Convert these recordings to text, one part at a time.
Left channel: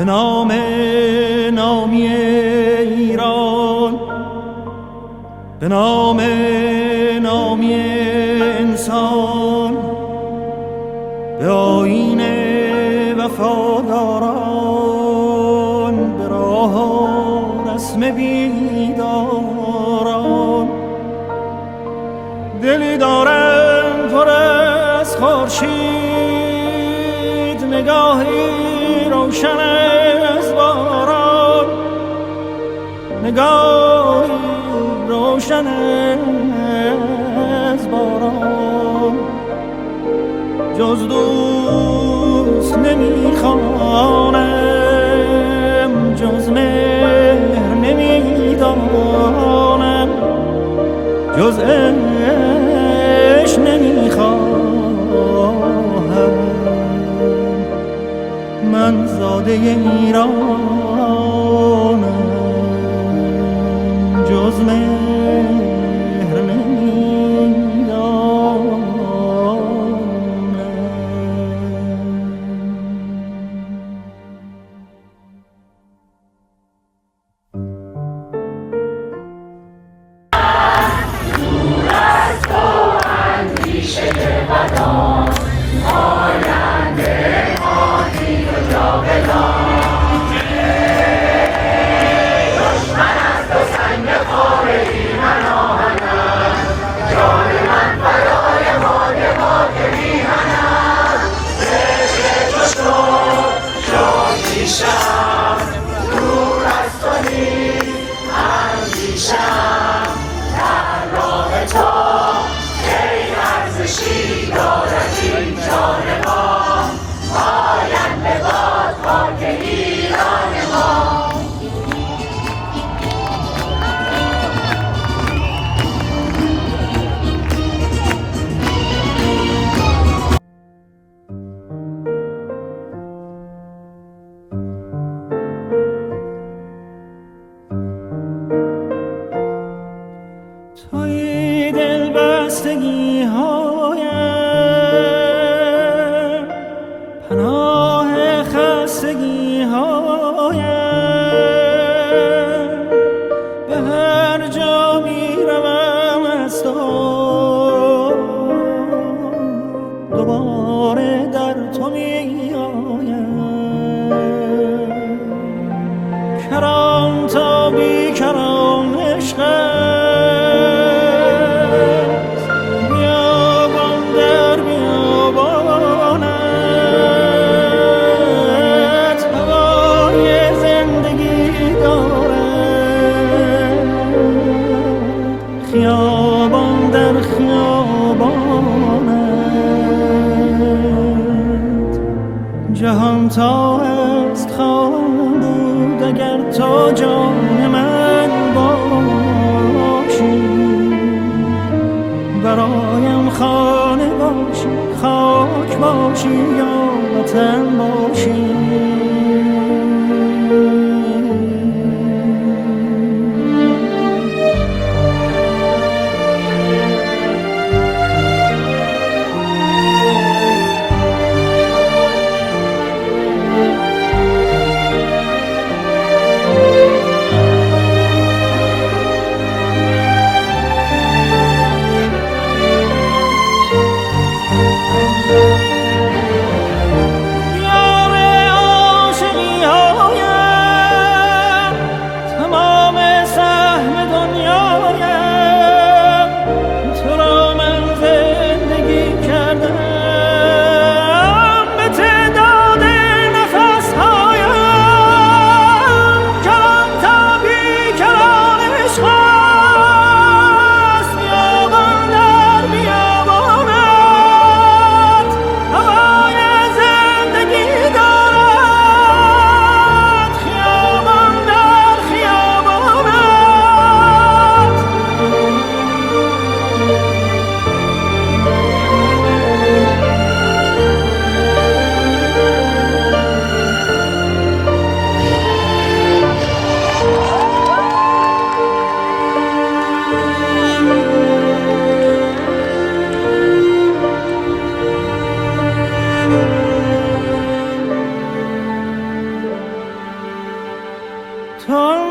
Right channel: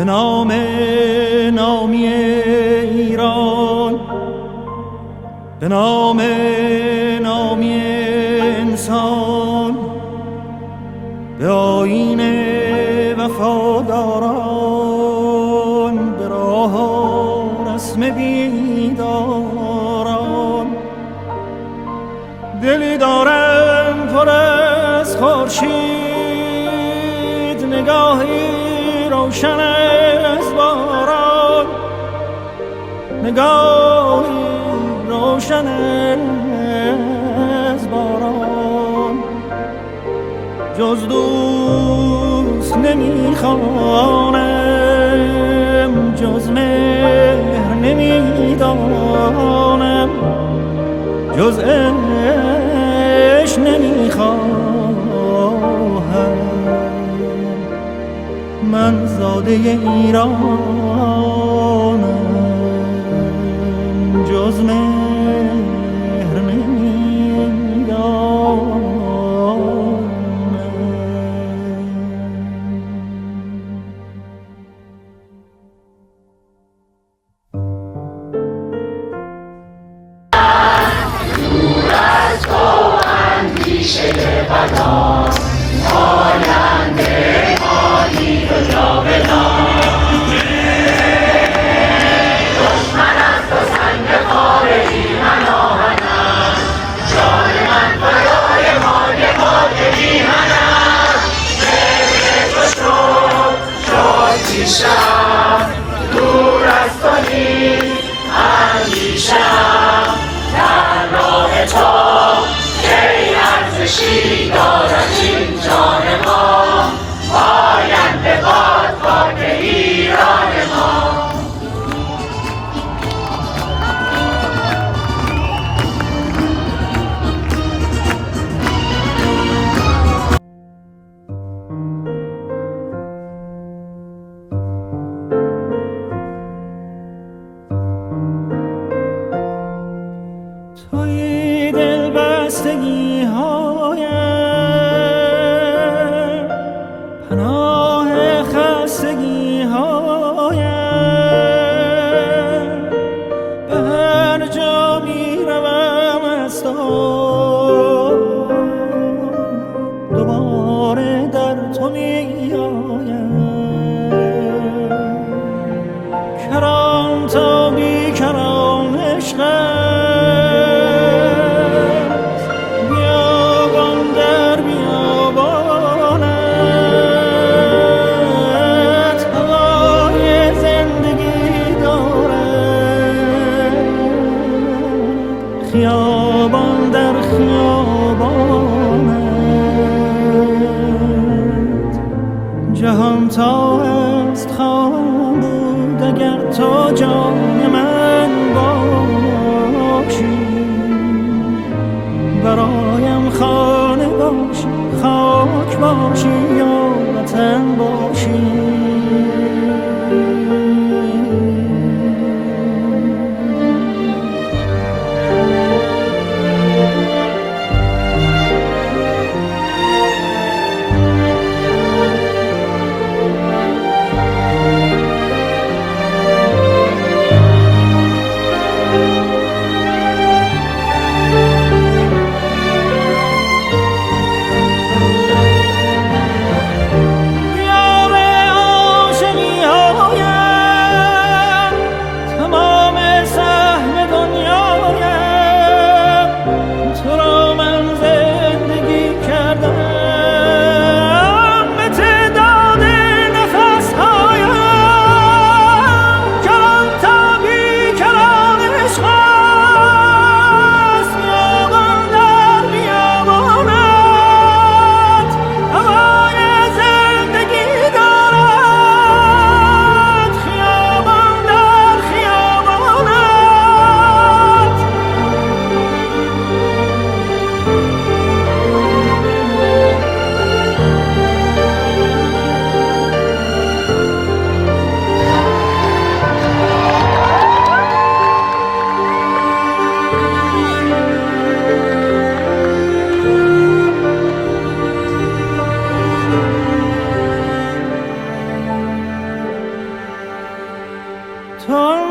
به نام نامی ایران، به نام نامی انسان، به آیین وفاداران، به راه و رسم بیداران. دلی دارم پر از خورشید، نگاهی روشن از باران، نگاهی روشن از باران. جز دوست نمیخوانم، جز مهر نمیدانم، جز عشق نمیخواهم. من زاده ایرانم، جز مهر نمیدانم. دور از تو اندیشه بدان، آینده ماندی و جاودان. دشمن از تو سنگ خار ایمن آهن است، جان من فدای خاک میهن است. مهر تو شد شادیشم، دور از تو نیست اندیشم. در راه تو کی ارزشی دارد این جان ما، آینده باد خاک ایران ما. توی دل بستگی هایم، پناه خستگی هایم. به هر جا می روم از تو، دوباره در تو می آیم. کران تا بی کران عشق خیابان در خیابانت. جهان تا هست خواهم بود اگر تو جان من باشی. برایم خانه باشی، خاک باشی یا وطن باشی.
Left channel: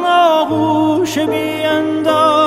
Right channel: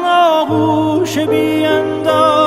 آغوش بی انداز